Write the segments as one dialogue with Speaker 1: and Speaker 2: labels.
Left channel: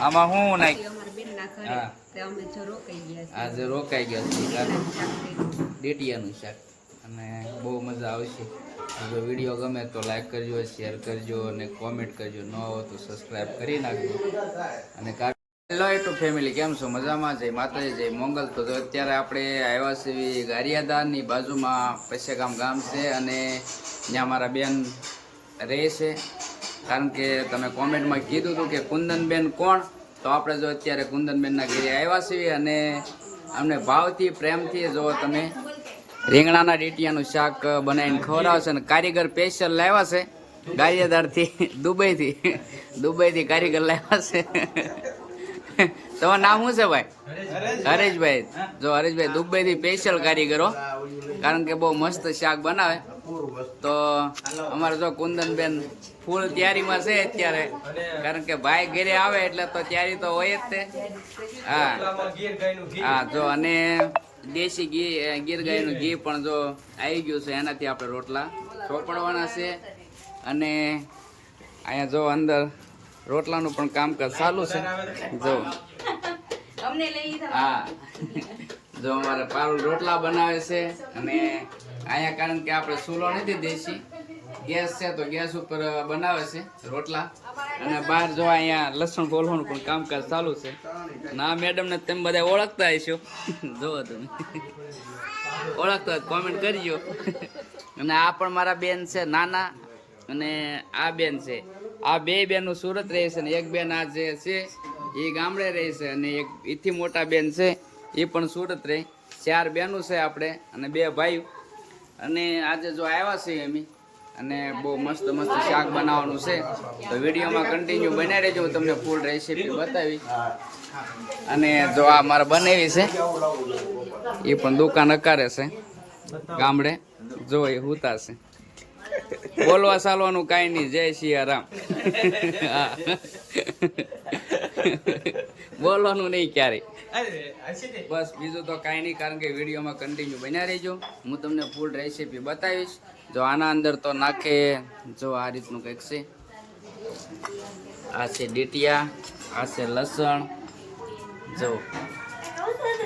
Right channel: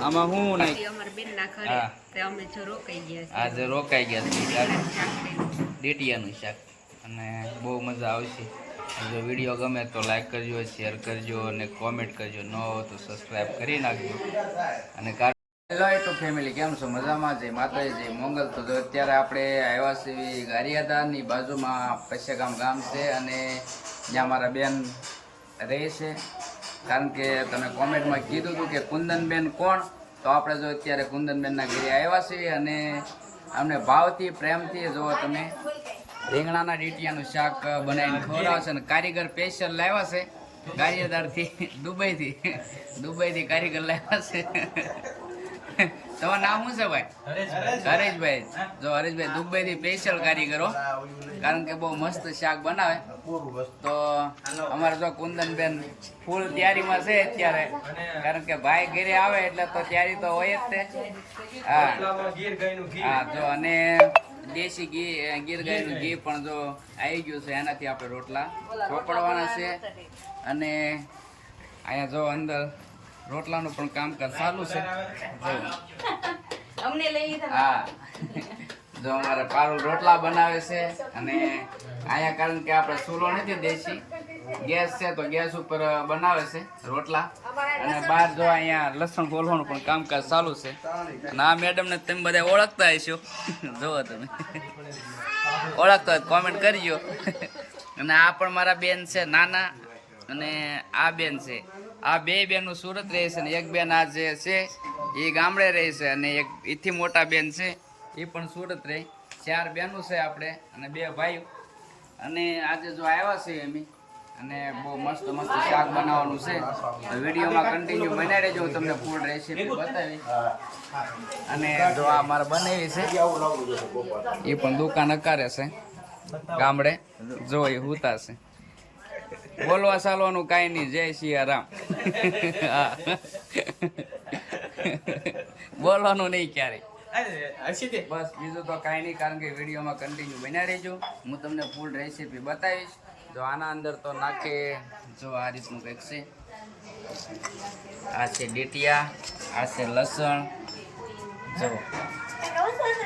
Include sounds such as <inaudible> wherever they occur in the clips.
Speaker 1: આમાં હું નાખ
Speaker 2: અમારા બેનના ઘરે
Speaker 1: હા.
Speaker 2: તે અમે જો રોકાઈ ગયા છીએ.
Speaker 1: આજે રોકાઈ ગયા છે. ડીટીયાનું શાક અને બહુ મજા આવશે. જો વીડિયો ગમે તો લાઈક કરજો શેર કરજો અને કોમેન્ટ કરજો. ન હોય તો સબસ્ક્રાઈબ કરી નાખજો. અને હેલો ટુ ફેમિલી કેમ છો? મજામાં જય માતાજી જય મોંગલ તો જો અત્યારે આપણે આવ્યા છીએ ગારિયાદારની બાજુમાં પૈસાગામ ગામ છે અને ત્યાં મારા બેન રહે છે. કારણ કે તમે કોમેન્ટમાં કીધું હતું કે કુંદનબેન કોણ? તો આપણે જો અત્યારે કુંદનબેનના ઘરે આવ્યા છીએ અને અમને ભાવથી, પ્રેમથી જો તમે રીંગણાના ડીટિયાનું શાક બનાવીને ખવડાવશે અને કારીગર સ્પેશિયલ લાવ્યા છે. ગારિયાદારથી દુબઈથી દુબઈથી કારીગર લાવ્યા છે. તમારું નામ શું છે ભાઈ? હરેશભાઈ. જો હરેશભાઈ દુબઈથી સ્પેશિયલ કારીગરો કારણ કે બહુ મસ્ત શાક બનાવે. તો અમારે જો કુંદનબેન ફૂલ તૈયારીમાં છે અત્યારે. કારણ કે ભાઈ ઘરે આવે એટલે તો તૈયારી તો હોય જ તે. હા. હા જો અને દેશી ઘી ગીર ગાયનું ઘી પણ જો આવી ગયું છે એનાથી આપણે રોટલા ચોપડવાના છે. અને અહીંયા જો અંદર રોટલાનું પણ કામકાજ ચાલુ છે. જો.
Speaker 2: અમને લઈ લીધા.
Speaker 1: હા. જો અમારે પારુલ રોટલા બનાવે છે અને અહીંયા કારણ કે આપણે ચૂલો નથી દેશી. ગેસ છે તો ગેસ ઉપર બનાવે છે રોટલા. અને બહાર જો અહીંયા લસણ ફોલવાનું પણ કામકાજ ચાલુ છે. અને આ મેડમને તમે બધા ઓળખતા હશો. <laughs> જુઓ તમે. <laughs> ઓળખતા હોય કોમેન્ટ કરજો. <laughs> અને આ પણ મારા બેન છે, નાના. અને આ બેન છે. આ બે બેનું સુરત રહે છે અને એક બેન આ જે છે, એ ગામડે રહે છે અને એક એથી મોટા બેન છે, એ પણ સુરત રહે. ચાર બેનું છે આપણે અને બે ભાઈઓ. અને આજે જો આવ્યા છે એમ અને બહુ મસ્ત મસ્ત શાક બનાવવાનું છે. તો વિડીયોમાં કન્ટિન્યુ બનાવી દેજો, હું તમને ફૂલ રેસીપી બતાવી અને જો આ મારે બનાવી છે, એ પણ દુકાન અકારે છે, ગામડે. જો એ હુતા છે. બોલવા ચાલવાનું કાંઈ નહીં, જય સિયારામ. હા. બોલવાનું નહીં ક્યારેય. બસ બીજું તો કાંઈ નહીં કારણ કે વિડીયોમાં કન્ટિન્યુ બન્યા રહેજો. હું તમને ફૂલ રેસીપી બતાવીશ. જો આના અંદર તો નાખે જો આ રીતનું કંઈક છે. આ છે ડીટિયા આ છે લસણ જો.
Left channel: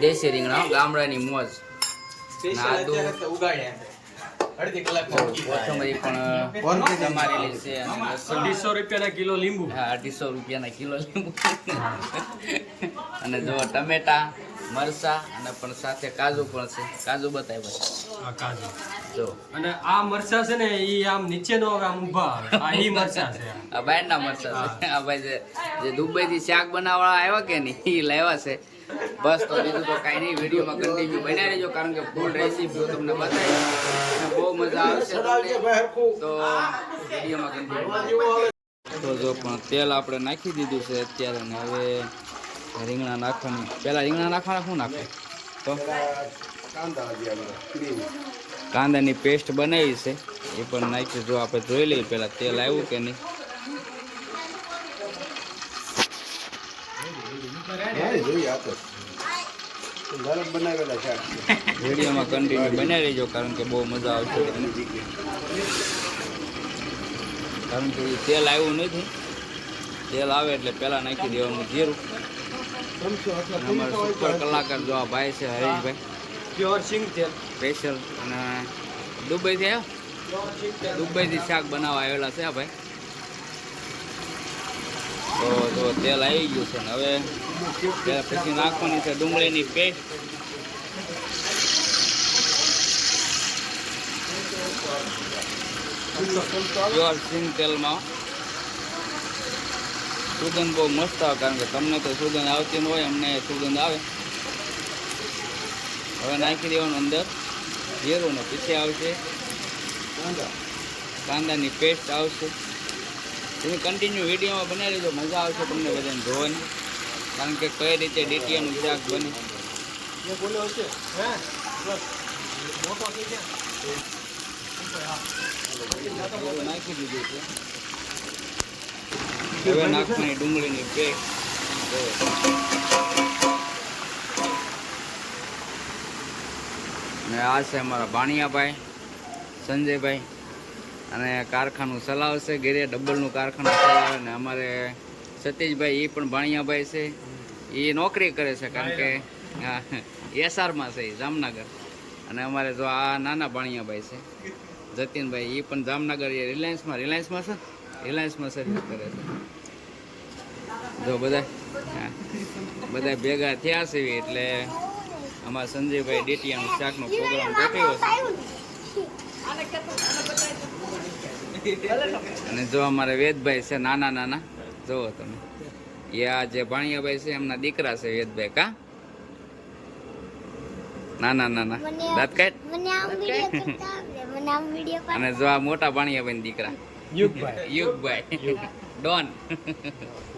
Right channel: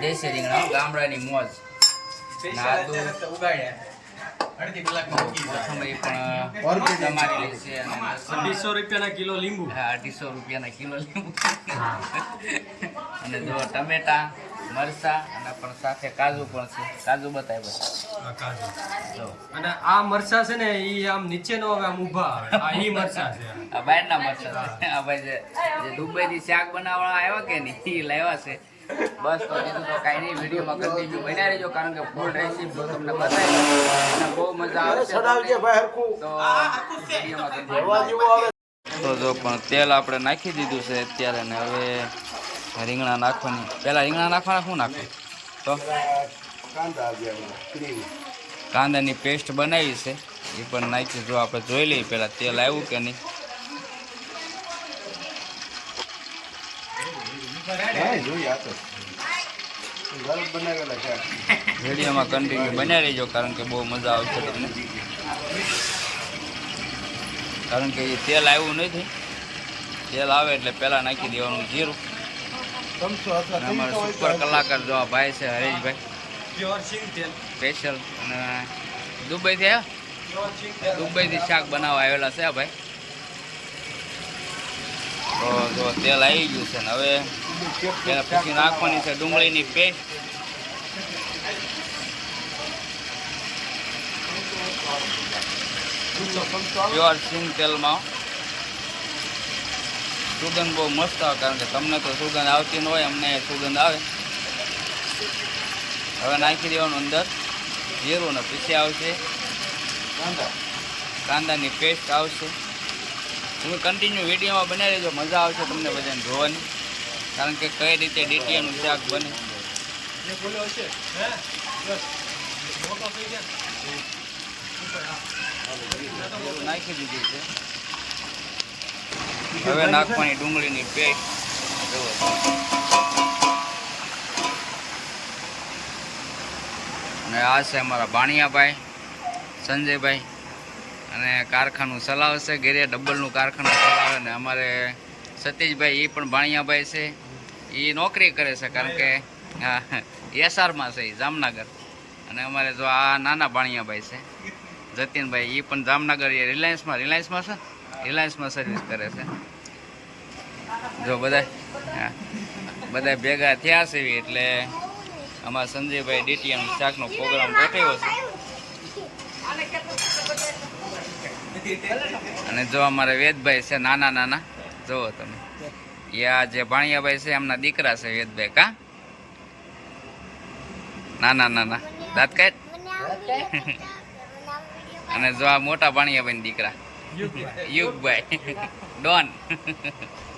Speaker 1: દેશી રીંગણા ગામડાની મોજ. નાદુ કોથમરી પણ તમારેલી છે?
Speaker 3: અઢીસો રૂપિયાના કિલો લીંબુ.
Speaker 1: હા અઢીસો રૂપિયાના કિલો લીંબુ. અને જો ટમેટા મરસા અને પણ સાથે કાજુ પણ છે. કાજુ બતાવ્યો છે. જો.
Speaker 3: અને આ મરચા છે ને એ આમ નીચે નો આમ ઊભા આવે. આ ઈ મરચા છે.
Speaker 1: આ બહારના મરસા છે. આ ભાઈ જે જે દુબઈથી શાક બનાવવા આવ્યા કે નહીં એ લાવ્યા છે. બસ તો બીજું તો કાંઈ નહીં. વિડીયોમાં કન્ટિન્યુ બનાવી રહેજો કારણ કે ફૂલ રેસીપી તમને બતાવી અને બહુ મજા આવશે. તો વિડીયોમાં કન્ટિન્યુ તો જો પણ તેલ આપણે નાખી દીધું છે અત્યારે ને હવે રીંગણા નાખવાની. પહેલાં રીંગણા નાખવાના, શું નાખવું? તો? કાંદાની પેસ્ટ બનાવી છે. એ પણ નાખી જો આપણે જોઈ લઈએ પહેલાં તેલ આવ્યું કે નહીં. વિડીયોમાં કન્ટિન્યુ બનાવી લેજો કારણ કે બહુ મજા આવશે તમને. કારણ કે એ તેલ આવ્યું નથી. તેલ આવે એટલે પહેલાં નાખી દેવાનું જીરું. અમારા સુપર કલાકાર જો આ ભાઈ છે હરીશભાઈ.
Speaker 3: પ્યોર સિંગ તેલ
Speaker 1: સ્પેશિયલ અને દુબઈથી આવ્યા? દુબઈથી શાક બનાવવા આવેલા છે આ ભાઈ. તો જો તેલ આવી ગયું છે ને હવે પછી નાખવાની છે ડુંગળીની પેસ્ટ પ્યોર સિંગ તેલમાં. સુગંધ બહુ મસ્ત આવે કારણ કે તમને તો સુગંધ આવતી ન હોય અમને સુગંધ આવે. હવે નાખી દેવાનું અંદર. જીરું ને પછી આવશે. કાંદાની પેસ્ટ આવશે. તમે કન્ટિન્યુ વિડીયોમાં બનાવી લેજો મજા આવશે તમને બધાને જોવાની. કારણ કે કઈ રીતે ડીટીયાનું શાક બને. નાખી દીધું છે. હવે નાખવાની ડુંગળીની બે અને આ છે અમારા ભાણિયાભાઈ સંજયભાઈ. અને કારખાનું ચલાવશે ઘેરે ડબલનું કારખાનું ચલાવે ને અમારે સતીશભાઈ એ પણ ભાણિયાભાઈ છે. એ નોકરી કરે છે, કારણ કે એસઆરમાં છે જામનગર. અને અમારે જો આ નાના ભાણિયાભાઈ છે, જતીનભાઈ એ પણ જામનગર એ રિલાયન્સમાં રિલાયન્સમાં છે? રિલાયન્સમાં સર્વિસ કરે છે. જો બધા હા બધા ભેગા થયા છે એટલે અમારા સંજયભાઈ ડીટીયાનું શાકનો પ્રોગ્રામ ગોઠવ્યો છે. અને જો અમારે વેદભાઈ છે નાના નાના જુઓ તમે. એ આ જે ભાણિયાભાઈ છે એમના દીકરા છે વેદભાઈ કા? નાના નાના. દાંત કાઢ. <laughs> અને જો આ મોટા ભાણિયાભાઈ દીકરા. યુગભાઈ <laughs> ડોન.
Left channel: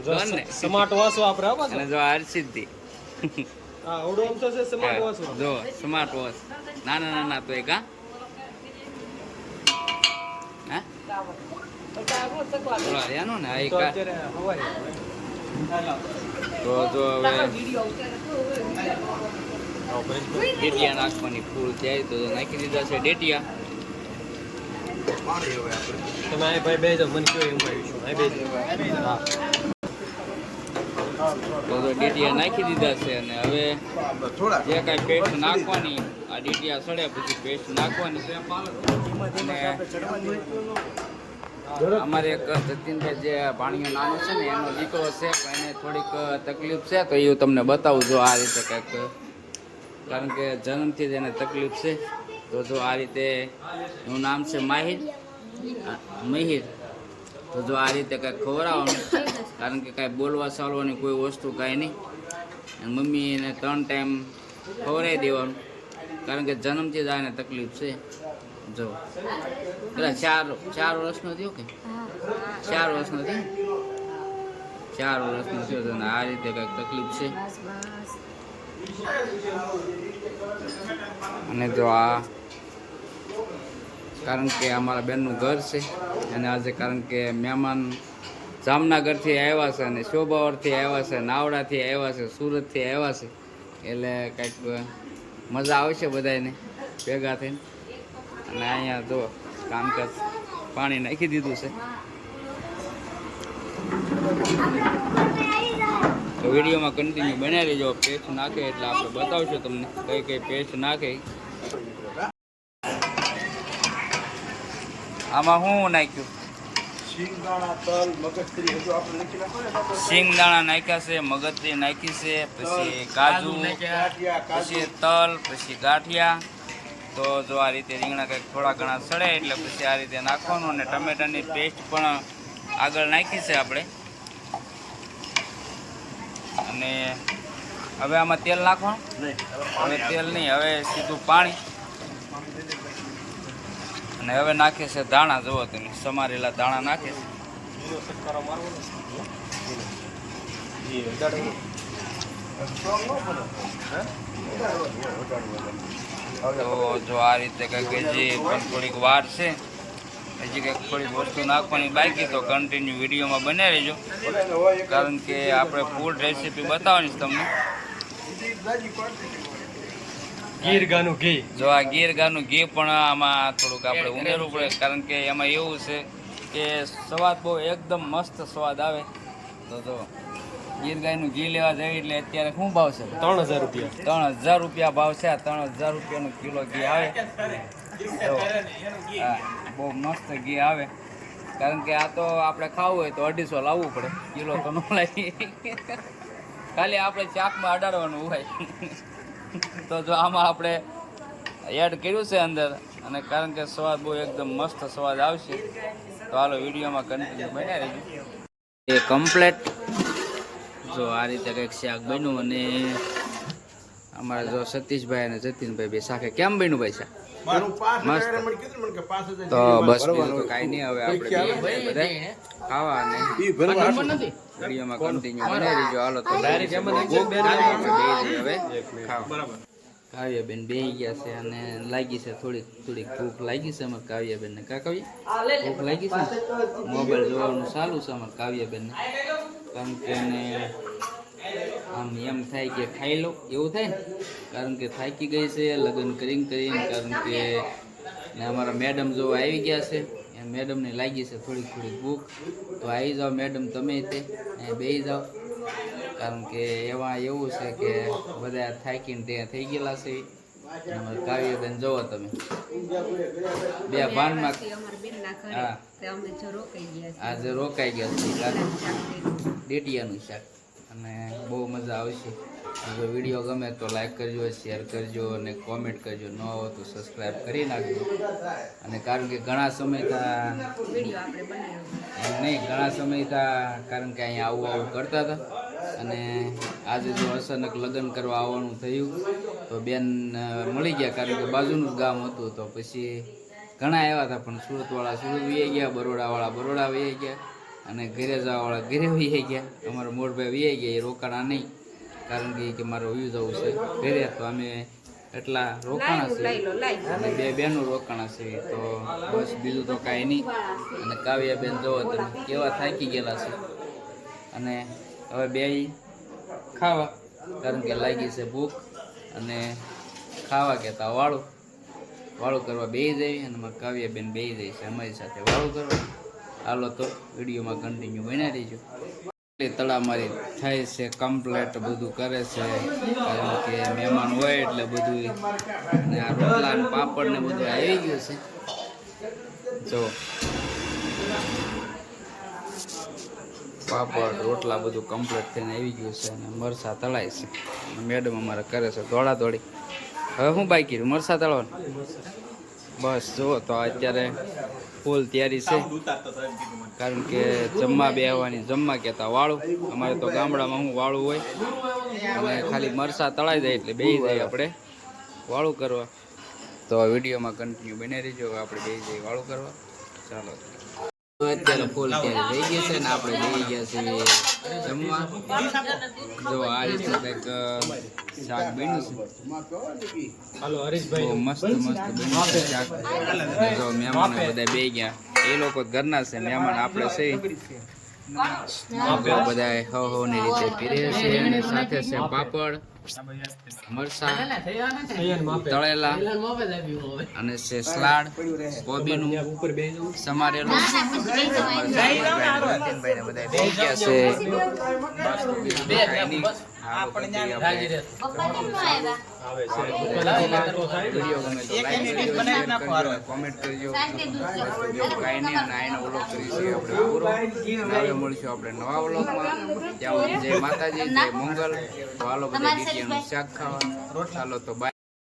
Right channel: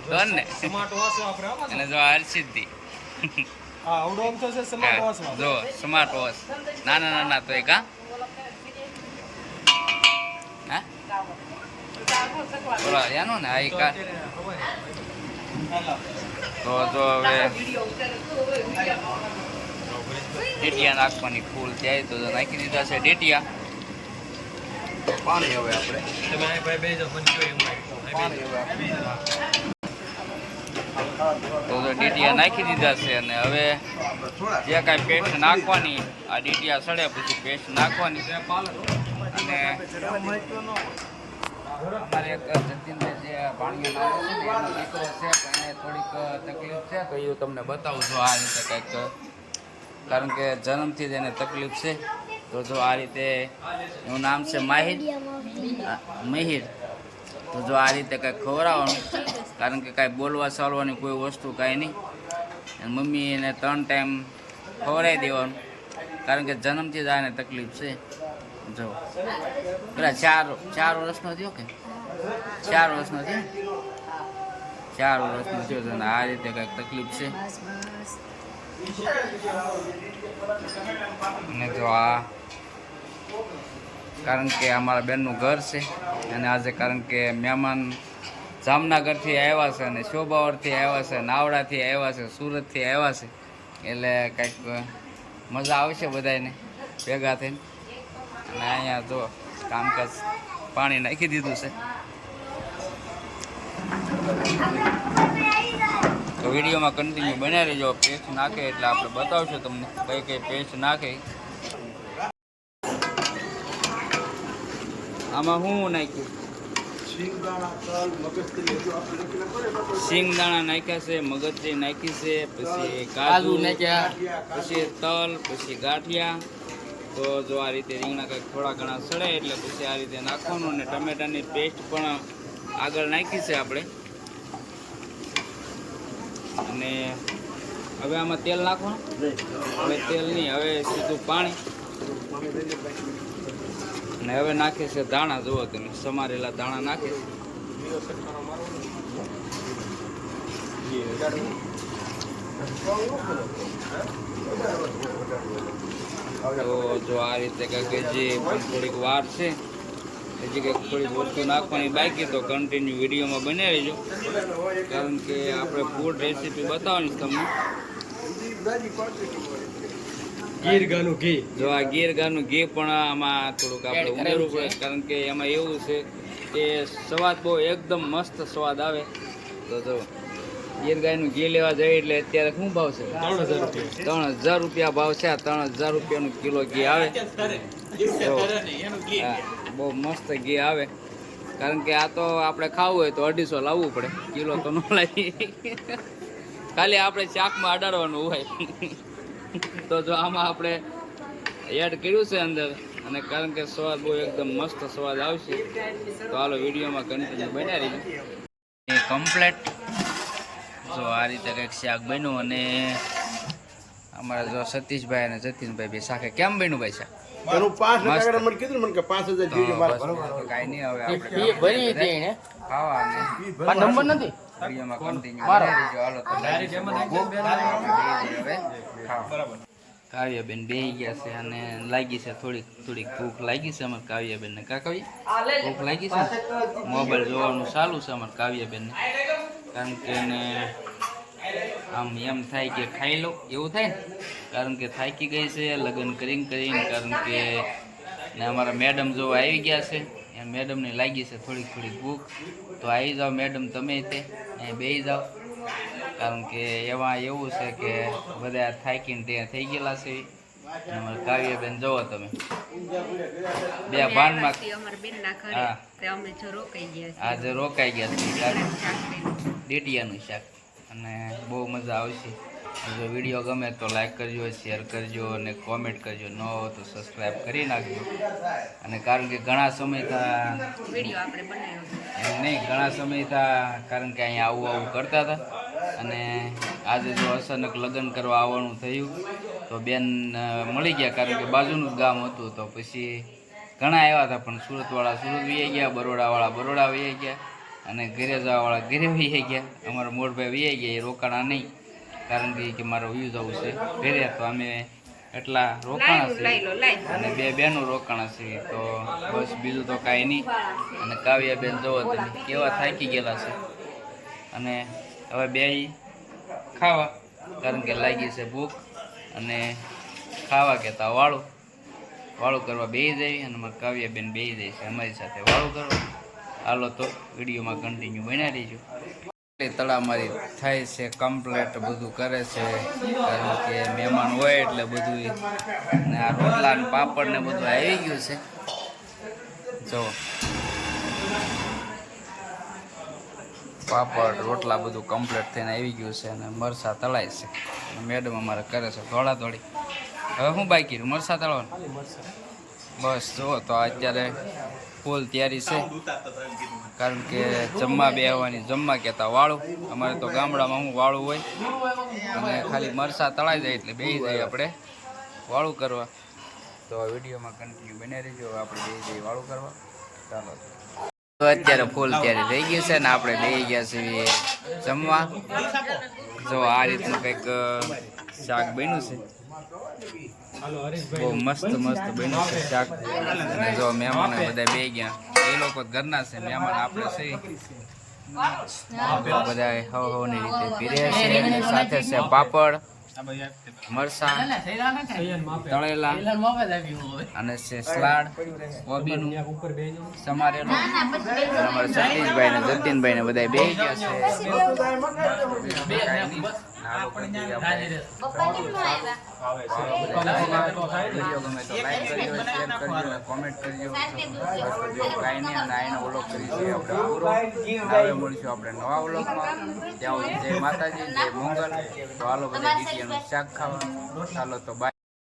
Speaker 1: ડોન ને.
Speaker 3: સ્માર્ટ વોચ વાપરે.
Speaker 1: અને જો આ હર્ષિતજી
Speaker 3: હા આવડું તો છે સ્માર્ટ વોચ.
Speaker 1: જો સ્માર્ટ વોચ નાના નાના તો એક હા? હા? બોલો એનું ને આ એક. તો જો હવે ડેટિયા નાખવાની ફૂલ ત્યાં તો નાખી દીધા છે ડેટિયા. પાણી હવે આપણે.
Speaker 3: તમે આ ભાઈ બે જાવ, મને કયો એમ કહ્યું. હા.
Speaker 1: તો ડીટીયા નાખી દીધા છે અને હવે જે કાંઈ પેસ્ટ નાખવાની આ ડીટીયા સડે પછી પેસ્ટ નાખવાની અને અમારે એક જતીનભાઈ જે ભાણીઓ નાનો છે ને એનો દીકરો છે પણ એને થોડીક તકલીફ છે. તો એ તમને બતાવું જો આ રીતે કંઈક કારણ કે જન્મથી જ એને તકલીફ છે. તો જો આ રીતે એનું નામ છે માહિર મહિર. તો જો આ રીતે કંઈક ખવડાવવાનું, કારણ કે કાંઈ બોલવા ચાલવાની કોઈ વસ્તુ કાંઈ નહીં. મમ્મી એને ત્રણ ટાઈમ ખવડાવી દેવાનું, કારણ કે જન્મથી જ આને તકલીફ છે. જો. પેલા ચાર ચાર વર્ષનો થયો કે? ચાર વર્ષનો થયો? ચાર વર્ષનો થયો અને આ રીતે કંઈક તકલીફ છે. અને જો આ કારણ કે અમારા બેનનું ઘર છે અને આજે કારણ કે મહેમાન જામનગરથી આવ્યા છે અને શોભાવરથી આવ્યા છે, નાવડાથી આવ્યા છે, સુરતથી આવ્યા છે. એટલે કંઈક મજા આવશે બધાને ભેગા થઈને. અને અહીંયા જો કામકાજ પાણી નાખી દીધું છે. તો વિડીયોમાં કન્ટિન્યુ બનાવી રહેજો પેસ્ટ નાખે એટલે આપણે બતાવશું તમને કઈ કઈ પેસ્ટ નાખે. આમાં શું નાખ્યું? સિંગદાણા નાખ્યા છે મગજરી નાખી છે પછી કાજુ પછી તલ પછી ગાંઠિયા. તો જો આ રીતે રીંગણા કંઈક થોડા ઘણા સડે એટલે પછી આ રીતે નાખવાનું અને ટમેટાની પેસ્ટ પણ આગળ નાખી છે આપણે. અને હવે આમાં તેલ નાખવાનું? હવે તેલ નહીં હવે સીધું પાણી. અને હવે નાખે છે દાણા જુઓ તમે, સમારેલા દાણા નાખે છે. તો જો આ રીતે કંઈક હજી પણ થોડીક વાર છે, હજી કંઈક થોડીક વસ્તુ નાખવાની બાકી, તો કન્ટિન્યુ વિડીયોમાં બને રહેજો કારણ કે આપણે ફૂડ રેસીપી બતાવવાની તમને.
Speaker 3: ગીર ગાનું ઘી.
Speaker 1: જો આ ગીર ગાનું ઘી પણ આમાં થોડુંક આપણે ઉમેરવું પડે કારણ કે એમાં એવું છે કે સ્વાદ બહુ એકદમ મસ્ત સ્વાદ આવે. તો જો ગીર ગાયનું ઘી લેવા જઈએ એટલે અત્યારે શું ભાવ છે?
Speaker 3: ત્રણ હજાર રૂપિયા.
Speaker 1: ત્રણ હજાર રૂપિયા ભાવ છે આ ત્રણ હજાર રૂપિયાનું કિલો ઘી આવે. જો હા બહુ મસ્ત ઘી આવે. કારણ કે આ તો આપણે ખાવું હોય તો અઢીસો લાવવું પડે કિલો તો ન લાવી ખાલી આપણે ચાકમાં અડાડવાનું હોય. તો જો આમાં આપણે એડ કર્યું છે અંદર અને કારણ કે સ્વાદ બહુ એકદમ મસ્ત સ્વાદ આવશે તો હાલો વિડીયોમાં કન્ટિન્યુ બન્યા રહીજો એ કમ્પ્લેટ જો આ રીતે કંઈક શાક બન્યું અને અમારા જો સતીશભાઈ અને જતીનભાઈ બે શાકે કેમ બન્યું ભાઈ શાક? તો બસ કાંઈ નહીં હવે આપણે ખાવા અને વિડીયોમાં કન્ટિન્યુ બનાવી રહેજો. હાલો તો આપણે બે હવે ખાવા કાવ્યાબેન બેહી ગયા છે અને લાગી છે થોડીક થોડીક ભૂખ લાગી છે અમારે કાવ્યાબેનને. કા કાવ્ય ભૂખ લાગી છે? મોબાઈલ જોવાનું ચાલુ છે અમારે કાવ્યાબેનને. કારણ કે એને આમ એમ થાય કે ખાઈ લો એવું થાય ને? કારણ કે થાકી ગઈ છે લગ્ન કરીને કરીને કારણ કે ને અમારા મેડમ જોવા આવી ગયા છે. અને મેડમને લાગી છે થોડીક થોડીક ભૂખ. તો આવી જાઓ મેડમ તમે તે. અહીંયા બે જાઓ. કારણ કે એમાં એવું છે કે બધા થાકીને ત્યાં થઈ ગયેલા છે. અને અમારા કાવ્યબેન જોવો તમે. બે ભાનમાં હા. આજે રોકાઈ ગયા છે કારણ ડેટિયાનું શાક. અને બહુ મજા આવશે. જો વીડિયો ગમે તો લાઈક કરજો શેર કરજો અને કોમેન્ટ કરજો. ન હોય તો સબસ્ક્રાઈબ કરી નાખજો. અને કારણ કે ઘણા સમયતા
Speaker 2: વીડિયો આપણે બનાવ્યો
Speaker 1: એમ નહીં ઘણા સમયતા કારણ કે અહીંયા આવું આવું કરતા હતા. અને આજે જો અચાનક લગ્ન કરવા આવવાનું થયું તો બેન મળી ગયા કારણ કે બાજુનું જ ગામ હતું તો પછી ઘણા આવ્યા હતા પણ સુરતવાળા સુરત વી ગયા બરોડાવાળા બરોડા વી ગયા અને ઘરે જવાવાળા ઘરે વી ગયા. અમારા મોરભાઈ વી ગયા એ રોકાણા નહીં. કારણ કે કે મારો વ્યૂ જવું છે. ઘરે તો અમે એટલા રોકાણ
Speaker 2: લો.
Speaker 1: અને બે બેનું રોકાણ હશે તો બસ બીજું તો કાંઈ નહીં. અને કાવ્યાબેન જોવો તમે કેવા થાકી ગયેલા છે. અને હવે બે ખાવા કારણ કે લાગી છે ભૂખ. અને ખાવા કહેતા વાળું. વાળું કરવા બે જાય અને અમારા કાવ્યાબેન બેસી જાય છે અમારી સાથે વાળું કરવા. હાલો તો વિડીયોમાં કન્ટિન્યુ બન્યા રહીજો. તળામારી થાય છે કમ્પ્લેટ બધું કરે છે. કારણ કે મહેમાન હોય એટલે બધું ને આ રોટલા ને પાપડ ને બધું આવી ગયું છે. જો. પાપડ, રોટલા બધું કમ્પ્લીટ થઈને આવી ગયું છે અને મરસા તળાય છે. મેડમ અમારે કરે છે દોડા દોડી હવે હું બાકી રહ્યું? મરસા તળવાનું? બસ, જુઓ તો અત્યારે ફૂલ તૈયારી છે. કારણ કે જમવા બેહવાની જમવા કહેતા વાળું. અમારે તો ગામડામાં હું વાળું હોય? અને ખાલી મરસા તળાઈ જાય એટલે બેસી જાય આપણે વાળું કરવા. તો વિડીયોમાં કન્ટિન્યુ બને રહેજો. આપણે બેસી જઈએ વાળું કરવા. ચાલો. તો અત્યારે ફૂલ ત્યારે થઈ ગયું છે ને આપણે બે ગયા છીએ જમવા. જો આ રીતનું કંઈક શાક બન્યું છે. બહુ મસ્ત મસ્ત બન્યું છે શાક. અને જો મહેમાનો બધા બે ગયા. એ લોકો ઘરના છે મહેમાન આપણે છે. બધા હવ હવની રીતે પીરે છે અને સાથે છે પાપડ મરસા તળેલા અને છે સલાડ કોબીનું સમારેલું. અમારા જતીનભાઈ ને બધા બે ગયા છે. બસ બીજું કાંઈ નહીં. હાલો કરી દઈએ આપણે વીડિયો ગમે તો લાઈક કરજો શેર કરજો અને કોમેન્ટ કરજો બસ કાંઈ નહીં અને આનો વ્લોગ કરીશું આપણે. પૂરો હવે મળીશું આપણે નવા વ્લોગમાં ત્યાં સુધી જય માતાજી જય મંગલ. તો હાલો બધા ડીટીએનું શાક ખાવા. ચાલો તો બાય